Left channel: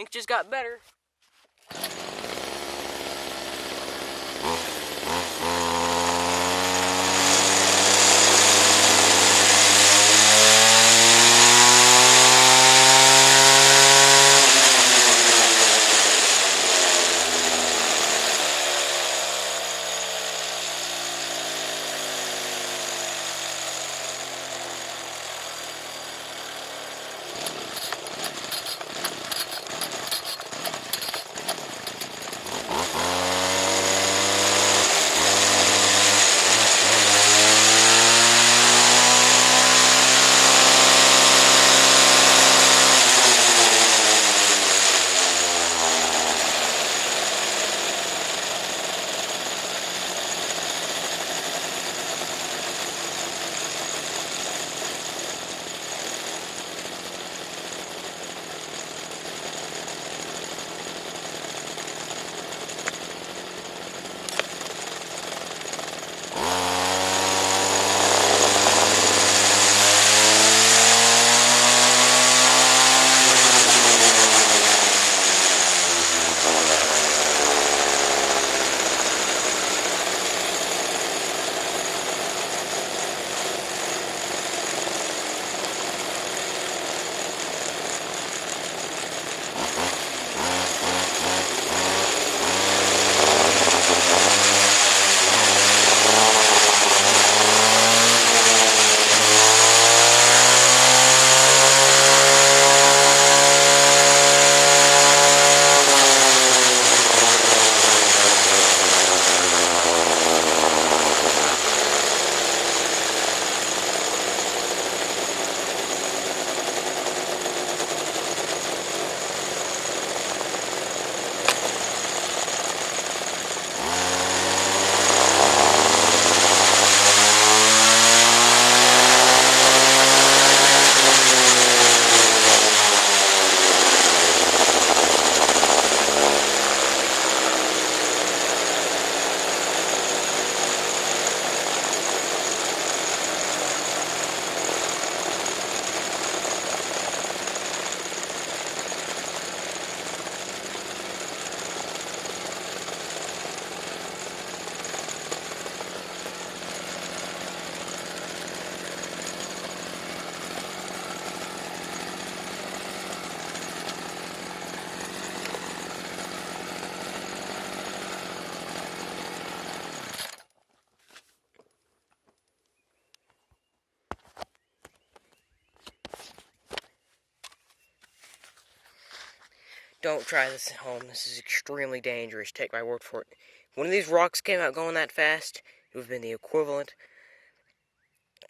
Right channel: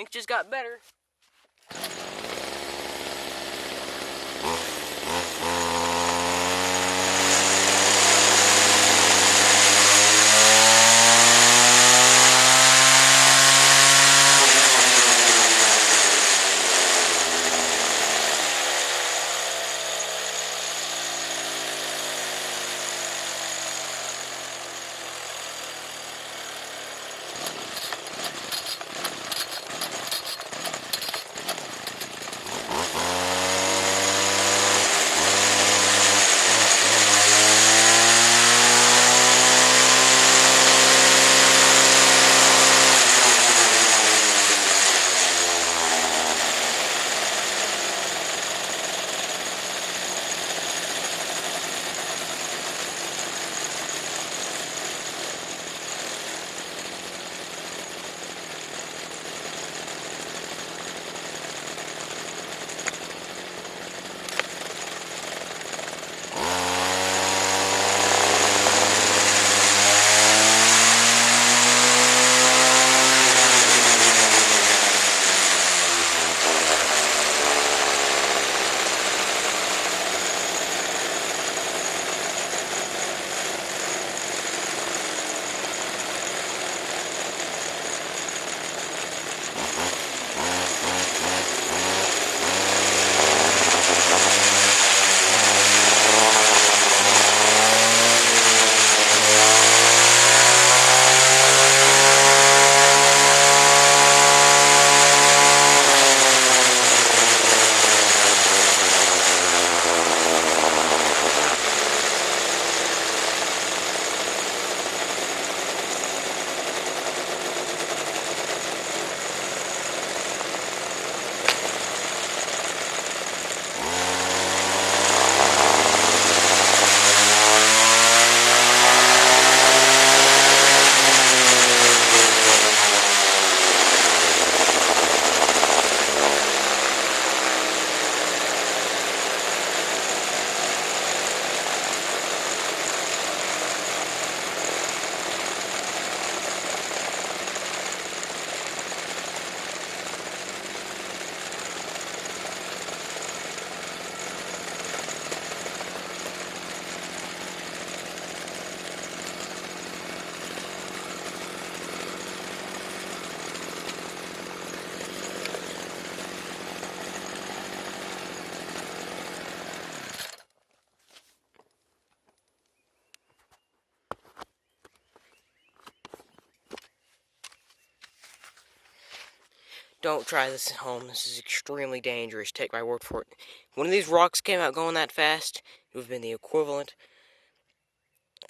Think just got better. Don't try this at home. This is extremely dangerous. Take my word for it. If one of these rocks came out going that fast, it would have been the equivalent,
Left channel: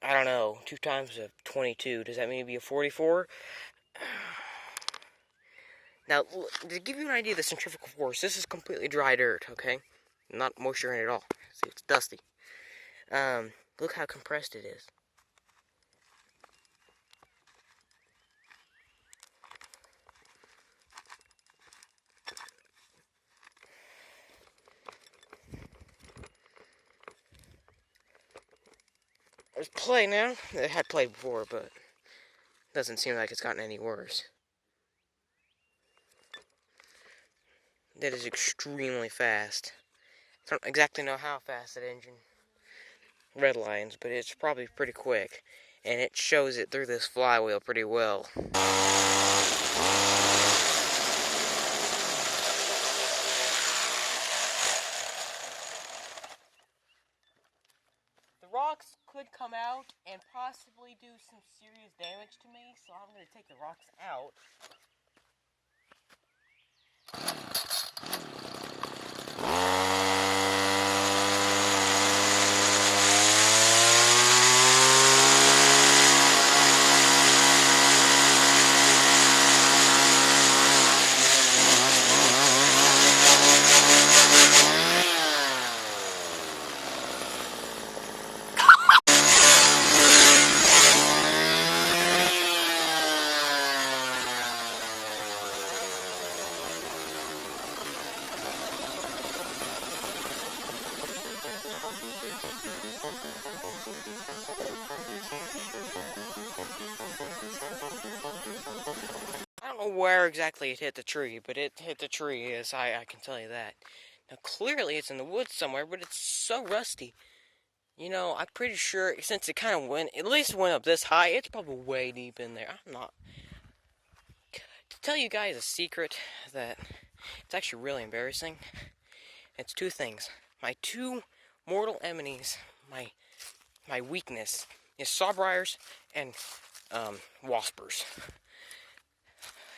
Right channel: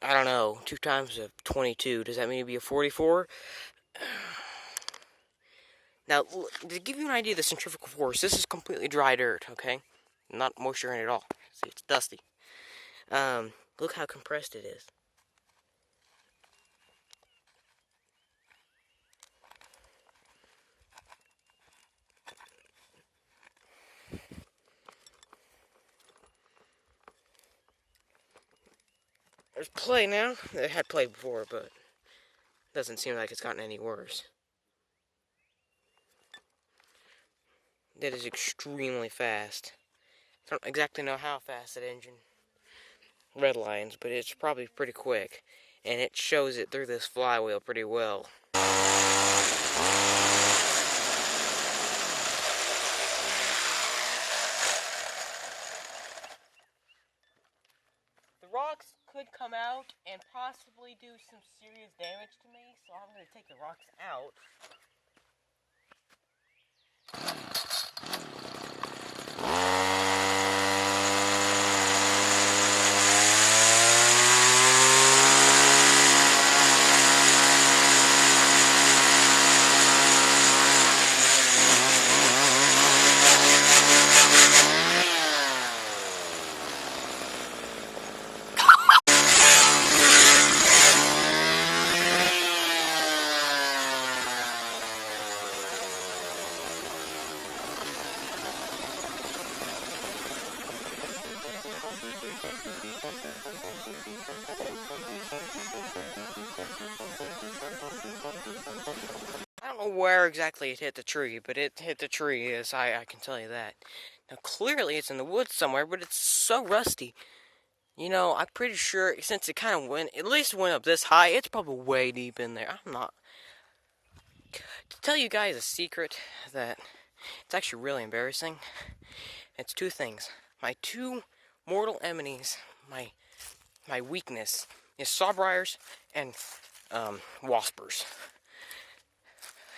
I don't know, 2 times a 22. Does that mean it'd be a 44? Now, to give you an idea of the centrifugal force, this is completely dry dirt, okay? Not moisture in it at all. See, it's dusty. Look how compressed it is. There's play now. It had play before, but it doesn't seem like it's gotten any worse. That is extremely fast. I don't exactly know how fast that engine redlines, but it's probably pretty quick. And it shows it through this flywheel pretty well. The rocks could come out and possibly do some serious damage to me, so I'm going to take the rocks out. I don't know where exactly it hit the tree, but it hit the tree, yes, I can tell you that. Now, clearly it's in the woods somewhere, but it's so rusty. You know, I'm pretty sure, since it kind of went, at least went up this high, it's probably way deep in there. I'm not... To tell you guys a secret that it's actually really embarrassing, it's 2 things. My 2 mortal enemies, my weakness, is sawbriars and waspers.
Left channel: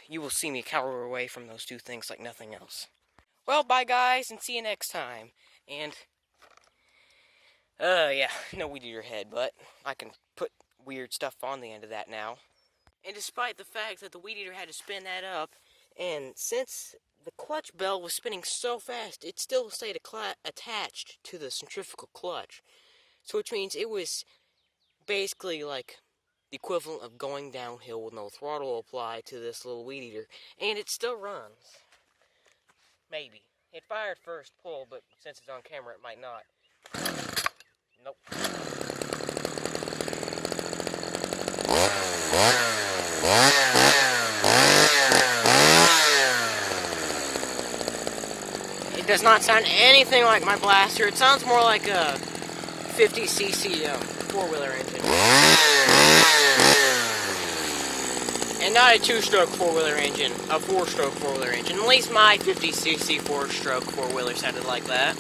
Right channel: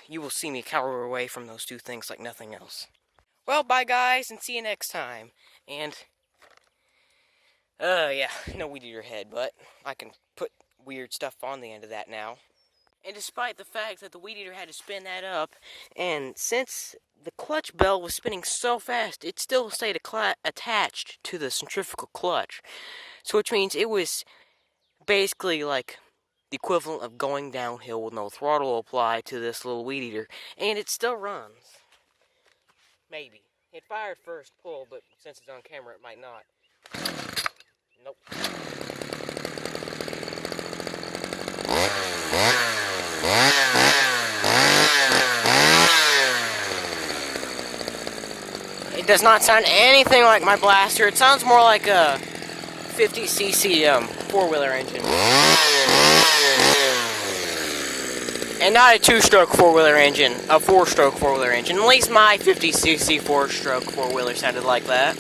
You will see me cower away from those 2 things like nothing else. Well, bye guys, and see you next time. And, yeah, no weed eater head, but I can put weird stuff on the end of that now. And despite the fact that the weed eater had to spin that up, and since the clutch bell was spinning so fast, it still stayed attached to the centrifugal clutch. So which means it was basically like the equivalent of going downhill with no throttle applied to this little weed eater. And it still runs. Maybe. It fired first pull, but since it's on camera, it might not. Nope. It does not sound anything like my blaster. It sounds more like a 50cc 4-wheeler engine. And not a 2-stroke 4-wheeler engine, a 4-stroke 4-wheeler engine. At least my 50cc 4-stroke 4-wheeler sounded like that.